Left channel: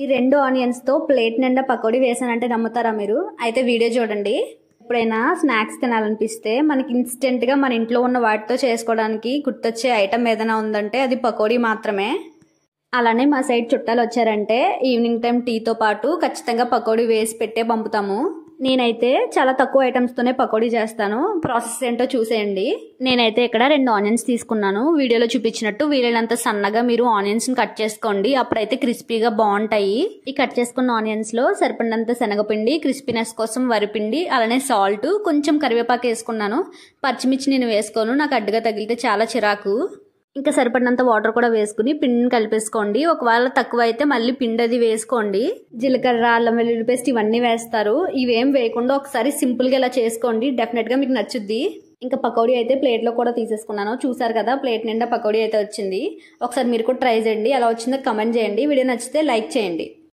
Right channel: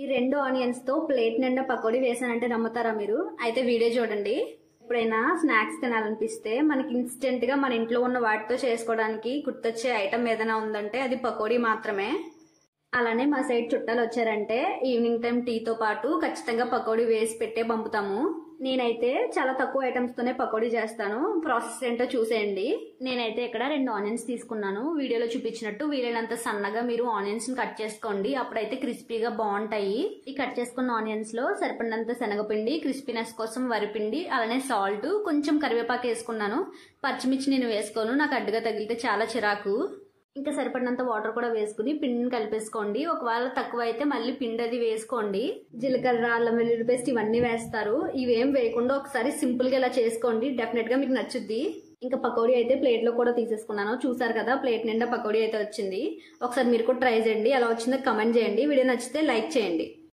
ఈ 2 ఆనియన్స్తో ప్లేట్ నిండా పకోడీ వేసానంటే నమ్ముతారా మీరు? అయితే వీడియో చూడండి. ఎప్పుడైనా స్నాక్స్ తినాలనిపిస్తే మనకి ఇన్స్టెంట్గా మన ఇంట్లో ఉన్న వాటితో చేసుకోవడానికి గుర్తొచ్చే ఐటమ్ ఏదైనా ఉందంటే అది పకోడీ మాత్రమే. అలానే మా సైడ్ చుట్టాలు వచ్చారంటే ఈవినింగ్ టైం టీతో పాటు ఖచ్చితంగా పకోడీ వేసి పెట్టే పంపుతాము. నేనైతే చాలా తక్కువ ఐటమ్స్తోనే పకోడీ చేస్తాను. ప్రాసెస్ ఏంటో చూసేయండి. నేనైతే ఇక్కడ 2 ఆనియన్స్ తీసుకున్నాను. వీడియోలో చూపించినట్టు వీలైనంత సన్నగా మీరు ఆనియన్స్ని కట్ చేసుకోండి. అప్పుడైతే క్రిస్పీగా బాగుంటాయి. ఈ కట్ చేసుకున్న ఆనియన్స్లో సరిపడినంత శనగపిండి, క్రిస్పీనెస్ కోసం వరిపిండి, అలానే సాల్ట్, కొంచెం కరివేపాకు వేసుకున్నాను. పచ్చిమిర్చి నేను వేసుకోను, నాకు అడ్డుగా తగిలితే చాలా చిరాకు. ఇంకా సరిపడినంత వాటర్ కూడా వేసుకుని పిండిని కలిపేసుకోండి. ఒకవేళ తక్కువ అయితే మళ్ళీ పిండి అది వేసుకోండి. జీలకర్ర, అల్లం వెల్లుల్లి పేస్ట్ ఇవన్నీ వేస్తారు. ఇవేం వేయకుండా ఒకసారి సింపుల్గా ఇలా చేసుకోండి. డెఫినెట్గా మీకు నచ్చుద్ది. ఇంకా పకోడీ అయితే ప్లేట్లో కూడా తీసేసుకున్నాను. చూసారు కదా, ప్లేట్ నిండా పకోడీ అయితే వచ్చింది. ఒకసారి మీరు కూడా ట్రై చేయండి. ఎలా వచ్చిందో కమెంట్ చేయండి. వీడియో నచ్చితే లైక్ చేయండి.